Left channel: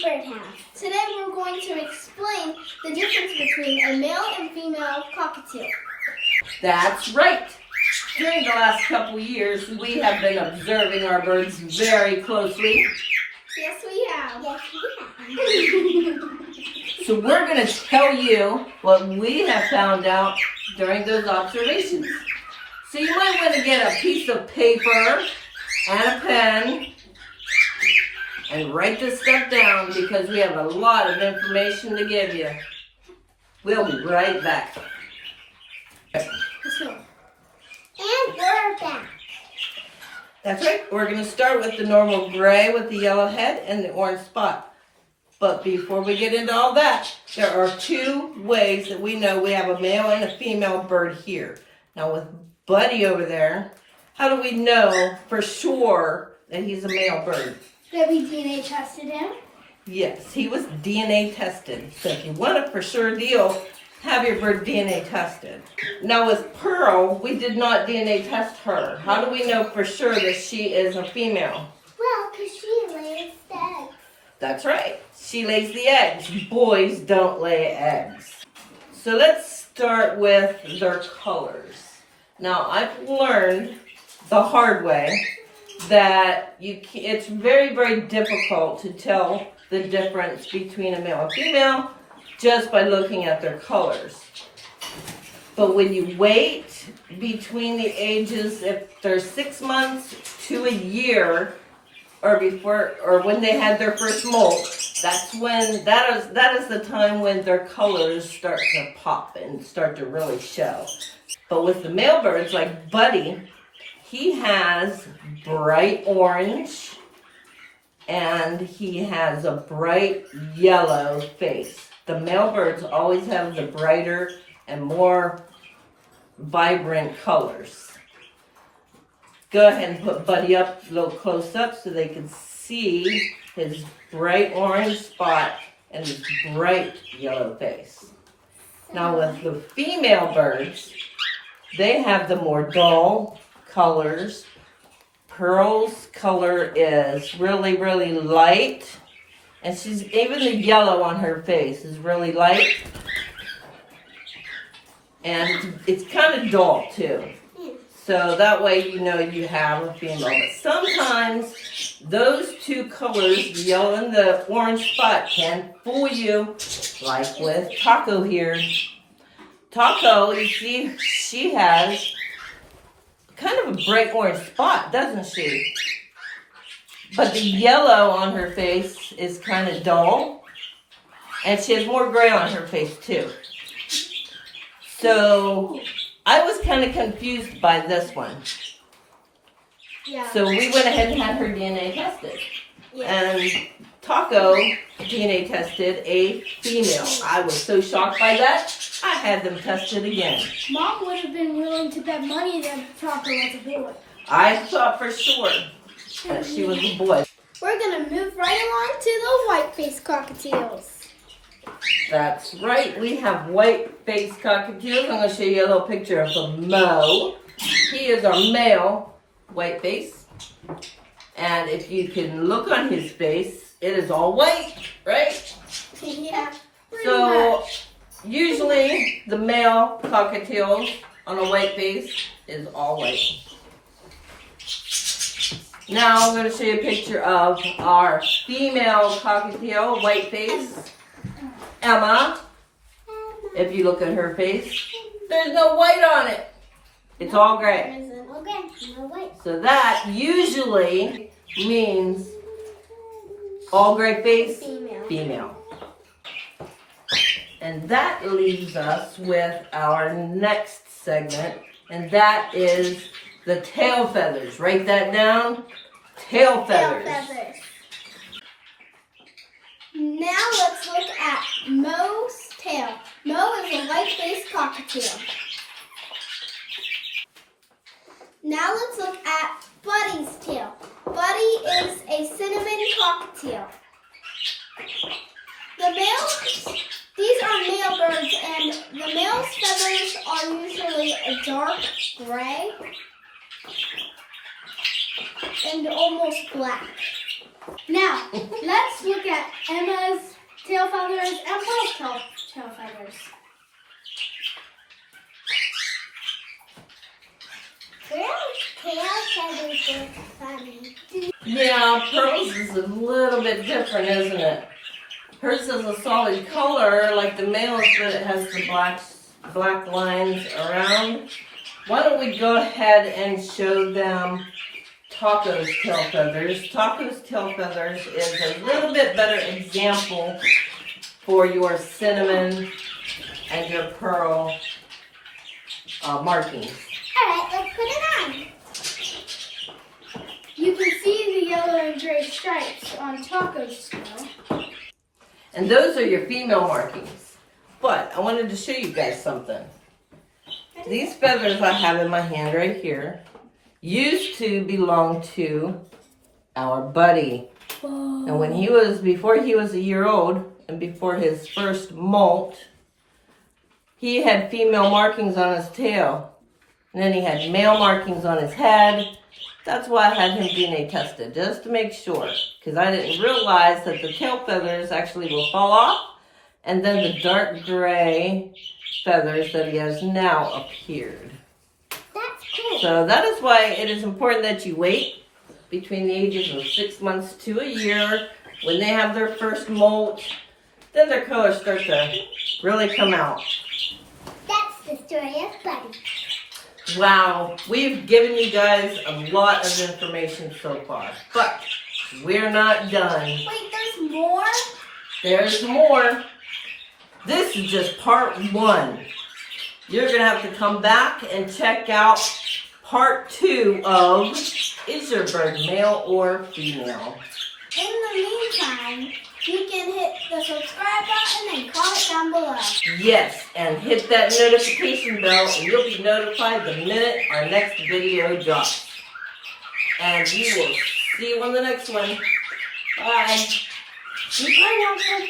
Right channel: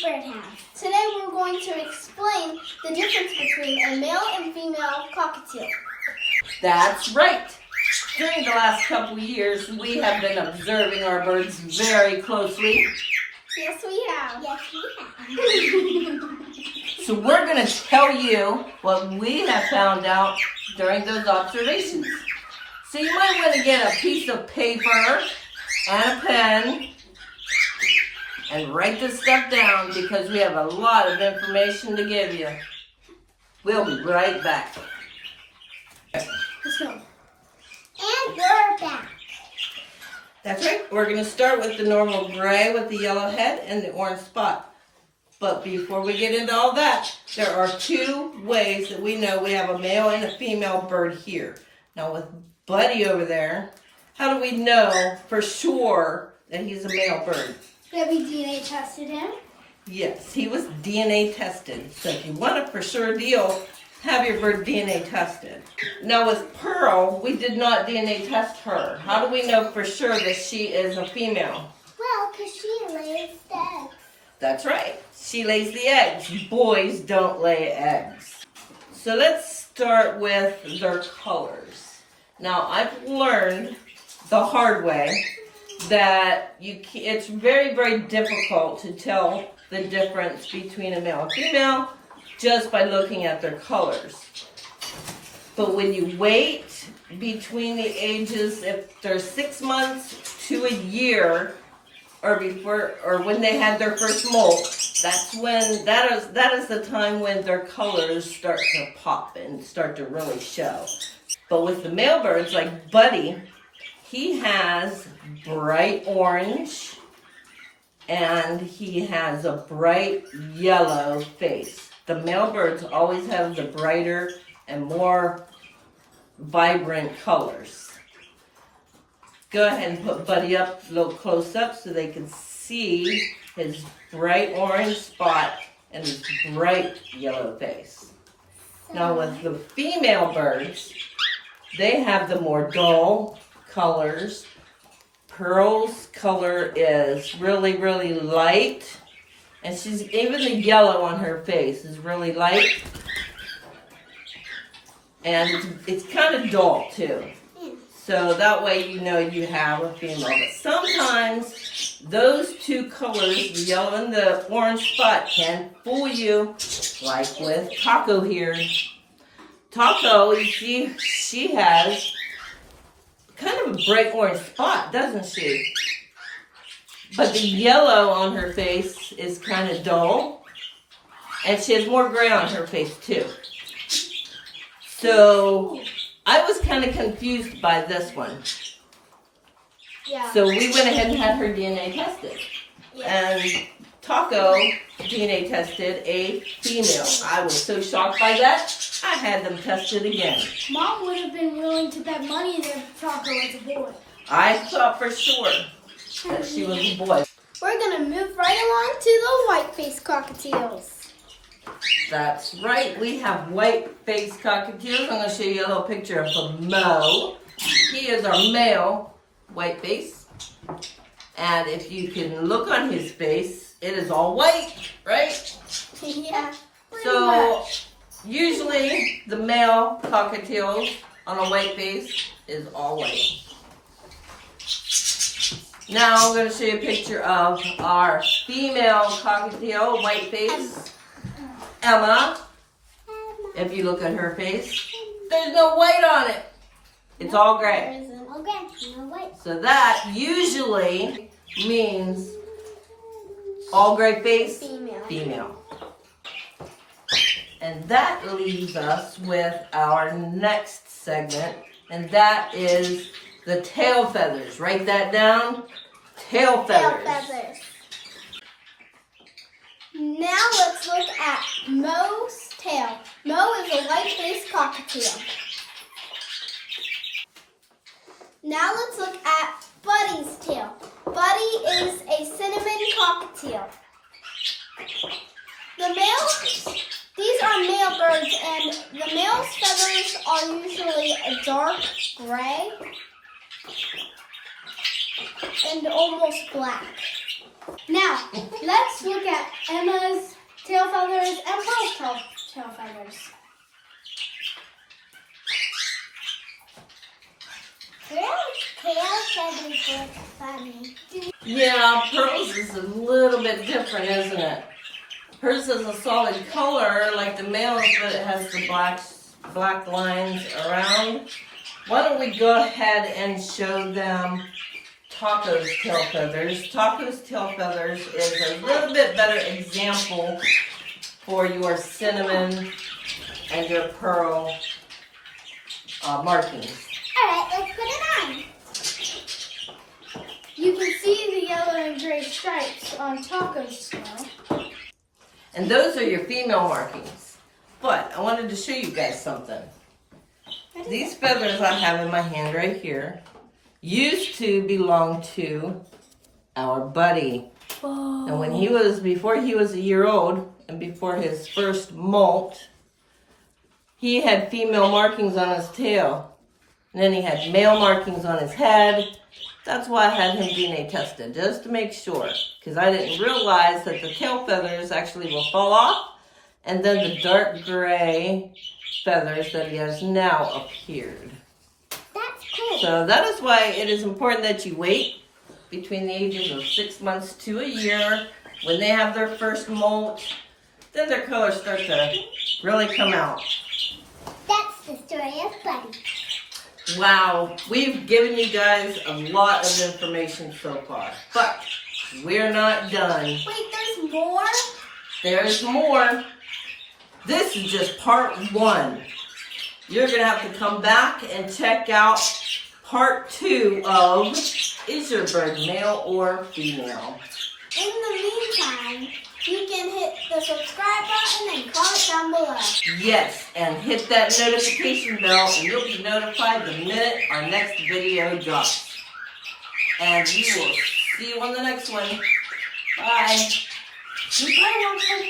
birdhouse. Today we're going to explain the difference between a male and female cockatiel. That's right. During the last couple of years, we have been observing our birds very closely. Yes, we have. Yes, we have. So we're going to tell you what we have found out during those observations. So you might want to get a piece of paper and a pen and write this stuff down because we have a lot of information to give you. We'll be right back. Let's go. And we're back. That's right. We're going to start with the normal gray with the yellow head and the orange spot. But before we get into all that, there are two ways that we know we have a male and a female bird here. Now with Buddy over there, how do we know for sure that he's a male bird? Have we DNA tested him? Yes, he was DNA tested. So if you want a for sure deal, have your bird DNA tested. Now with Pearl, we did not DNA test her. How do we know for sure that she is a female? Well, because she lays the eggs. That's right. She lays the eggs. Boys don't lay eggs. So let's start with their colors. Now I've learned the hard way that it's very, very difficult to tell the difference between a male and female just by looking at their colors. But when you wait between the ages, if they're 6 months to a year, or before, or when they had their first molt, that's when that is the time when their colors start to pop and start to really show. But with the male birds, like Buddy, he has bright orange and he has a bright yellow face. The male birds always have the brighter and more vibrant colors. Go ahead and put Buddy up a little close up so they can see his bright orange spot and his bright yellow face. Now with the female birds, they have the more dull colors. Pearl's color is really, really light. And even the yellow on her face is really light. And it's kind of dull too. So that way you know you have a female. But sometimes those two colors, the yellow and the orange spot, can fool you. Like with Taco here. Taco, you see, she has kind of a bright orange spot, doesn't she? But the yellow on her face is kind of dull. And she has more gray on her face too. So I was kind of confused by this one. Yeah. So we went ahead and had her DNA tested. Yeah. And Taco DNA tested a female. I was so shocked by that, I had them tested again. Mom would have been willing to bet money that Taco was a boy. I thought for sure that she was a boy. We're going to move right along to the white-faced cockatiels. That's right. We have white-faced cockatiels. I'm going to show you a little picture of the Mo. He is our male white-face. And if you can look on his face, it is all white, right? Yeah. So usually the male cockatiel on a white face is all white. Now I'm going to show you a picture of our female cockatiel, white face, Emma. If you look at her face, there's no white on it. It's all gray. No white. So that usually means all gray face, female. And that leaves us with our next segment, and that is the tail feathers. Write that down. Tail feathers. Now let's look at Mo's tail. Mo is a white-faced cockatiel. Now let's look at Buddy's tail. Buddy is a cinnamon cockatiel. These are male birds, and the male's feathers are usually a dark gray and almost black. Now, let's look at Emma Now, Pearl's is a little bit different, isn't it? Hers is a solid color like the male's, but it has the black lines around. Why don't we go ahead and show them Taco's tail feathers. Taco's tail feathers is a little bit better example for your cinnamon and your pearl markings. Alright, let's put it on. You can see the yellow and gray stripes on Taco's tail. And those are your female markings. But I wanted to show you guys something. These feathers I have in my hand right here used to belong to our buddy. Whoa. And before he was a year old and before his first molt, he had female markings on his tail. And then he had male markings on his head. That's why I had him DNA tested, just to make sure. Because I didn't realize that the tail feathers actually will fall off. And then the dark gray feathers that he has now appeared. That's cool. So that is why it is important that you wait between the ages of 6 months to a year. When they have their first molt, then their colors start to really come out. That's the story of Buddy. Wow, we've given you guys a lot of information so far, but we're not done. Wait, there's more? There's more. This is just part 1. You're going to have to come back and check out part 2 of Is Your Bird Male or Female? In the meantime, you can hit the subscribe button and comment down below. Yes, and hit that notification bell and you'll be notified the minute our next video drops. And we will see you on the next one. Bye. Bye, Walter.